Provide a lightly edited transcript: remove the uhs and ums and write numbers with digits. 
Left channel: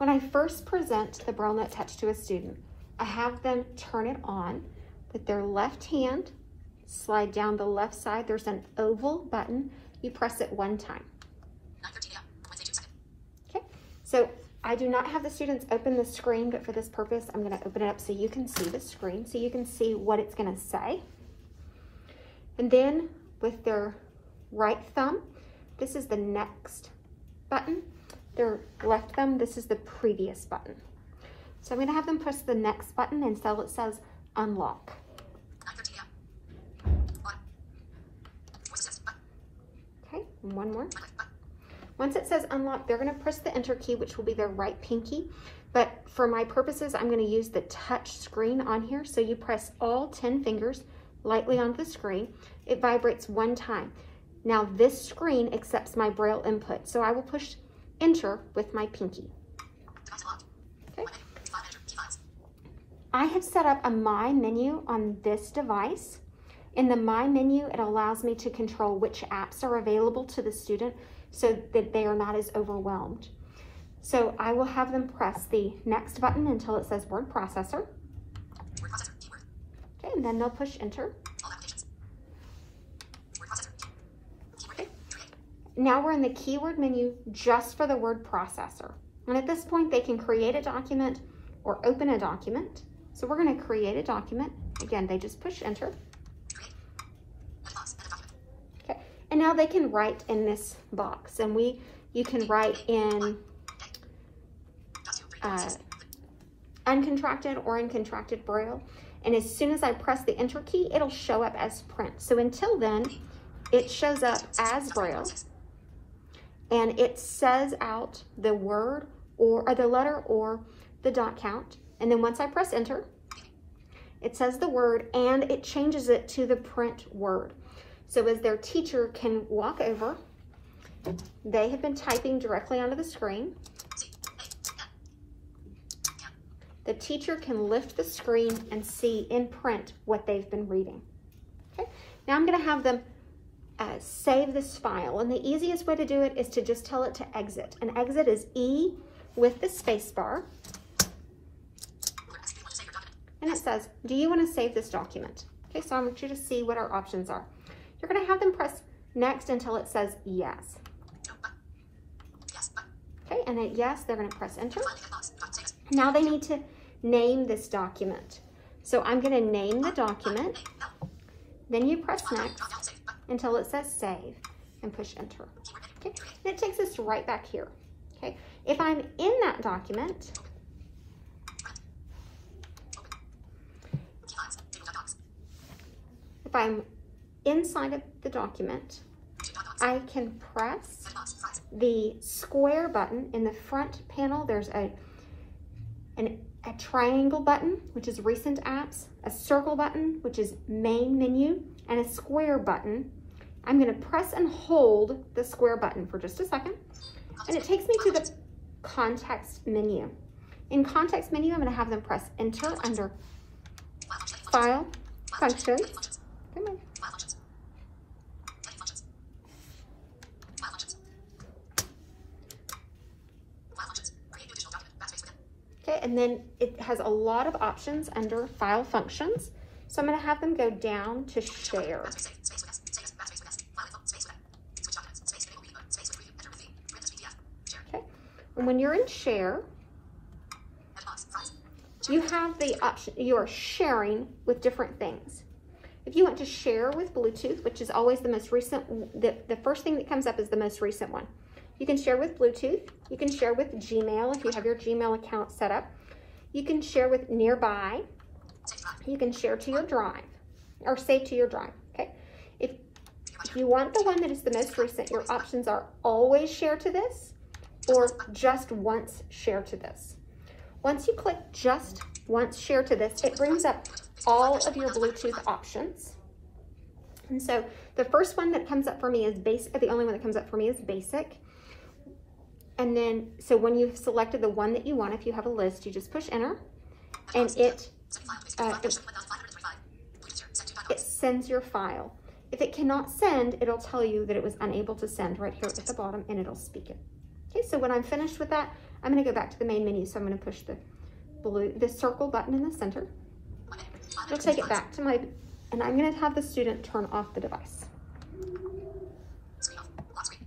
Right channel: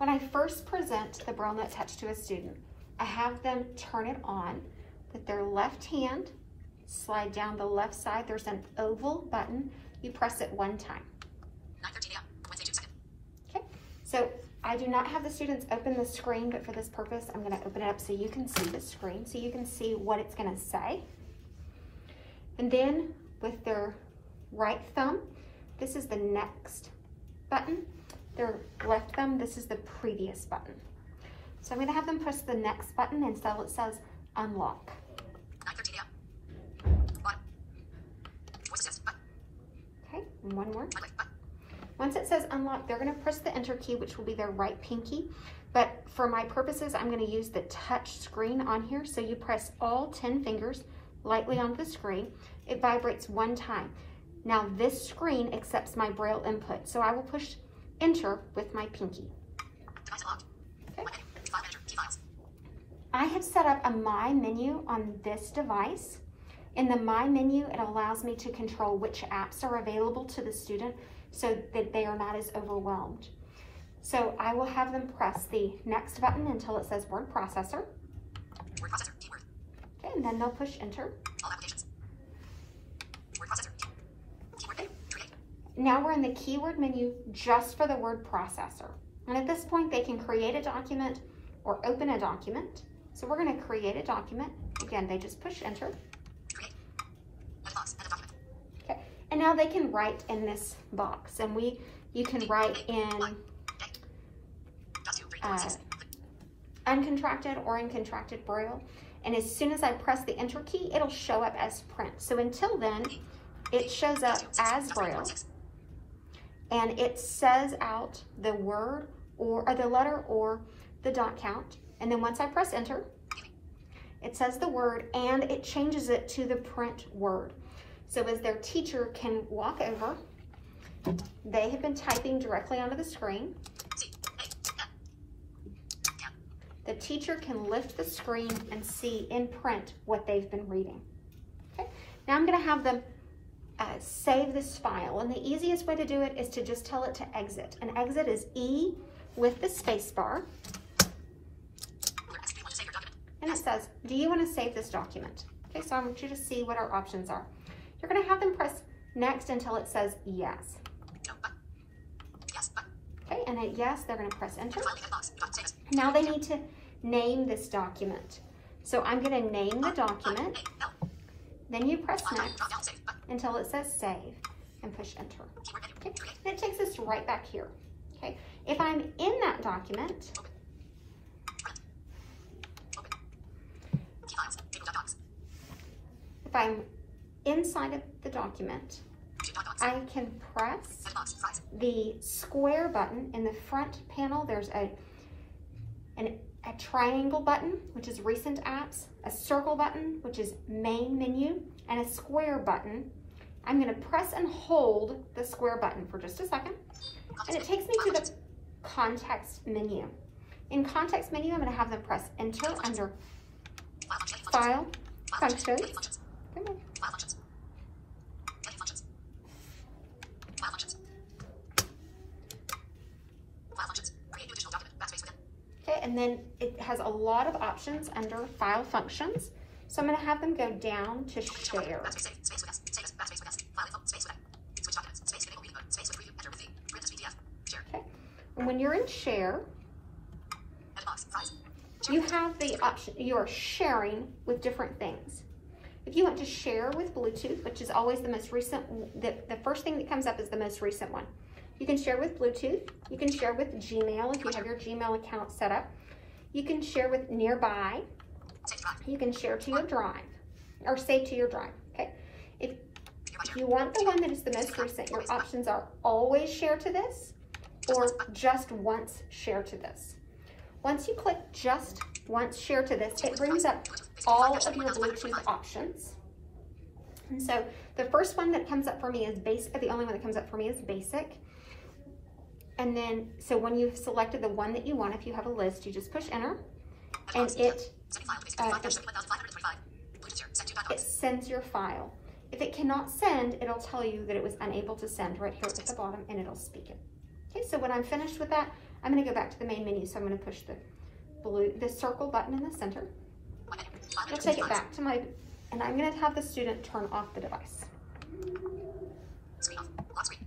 When I first present the Braille Note Touch to a student, I have them turn it on with their left hand, slide down the left side. There's an oval button. You press it one time. 9:13 a.m. Wednesday, June 2nd. Okay, so I do not have the students open the screen, but for this purpose, I'm going to open it up so you can see the screen, so you can see what it's going to say. And then with their right thumb, this is the next button. Their left thumb, this is the previous button. So I'm going to have them press the next button until it says unlock. 9:13 a.m. Bottom. Voice assist. Button. Okay, and one more. Button. Once it says unlock, they're going to press the enter key, which will be their right pinky. But for my purposes, I'm going to use the touch screen on here. So you press all 10 fingers lightly onto the screen. It vibrates one time. Now this screen accepts my Braille input. So I will push enter with my pinky. Device unlocked. Okay. Menu. File manager. Key files. I have set up a My menu on this device. In the My menu, it allows me to control which apps are available to the student so that they are not as overwhelmed. So I will have them press the next button until it says word processor. Word processor. Keyword. Okay, and then they'll push enter. All applications. Word processor. Keyword menu. Create. Now we're in the keyword menu just for the word processor. And at this point, they can create a document or open a document. So we're going to create a document. Again, they just push enter. Create. End box. End of document. Okay. And now they can write in this box. And you can write in uncontracted or in contracted Braille. And as soon as I press the enter key, it'll show up as print. So until then, it shows up as Braille. And it says out the word or the letter or the dot count. And then once I press enter, it says the word and it changes it to the print word. So as their teacher can walk over, they have been typing directly onto the screen. The teacher can lift the screen and see in print what they've been reading. Okay. Now I'm going to have them save this file. And the easiest way to do it is to just tell it to exit. And exit is E with the space bar. And it says, do you want to save this document? Okay, so I want you to see what our options are. You're going to have them press next until it says yes. Okay, and at yes, they're going to press enter. Now they need to name this document. So I'm going to name the document. Then you press next until it says save and push enter. Okay, and it takes us right back here. Okay, if I'm in that document, if I'm inside of the document, I can press the square button in the front panel. There's a triangle button, which is recent apps, a circle button, which is main menu, and a square button. I'm going to press and hold the square button for just a second, and it takes me to the context menu. In context menu, I'm going to have them press enter under file, functions. Okay, and then it has a lot of options under file functions. So I'm going to have them go down to share. Okay, and when you're in share, you have the option, you are sharing with different things. If you want to share with Bluetooth, which is always the most recent, the first thing that comes up is the most recent one. You can share with Bluetooth. You can share with Gmail if you have your Gmail account set up. You can share with Nearby. You can share to your drive or save to your drive. Okay. If you want the one that is the most recent, your options are always share to this or just once share to this. Once you click just once share to this, it brings up all of your Bluetooth options. And so the first one that comes up for me is basic. The only one that comes up for me is basic. And then, so when you've selected the one that you want, if you have a list, you just push enter, and it sends your file. If it cannot send, it'll tell you that it was unable to send right here at the bottom, and it'll speak it. Okay, so when I'm finished with that, I'm going to go back to the main menu, so I'm going to push the circle button in the center. I'll take it back to and I'm going to have the student turn off the device. Screen off. Lock screen.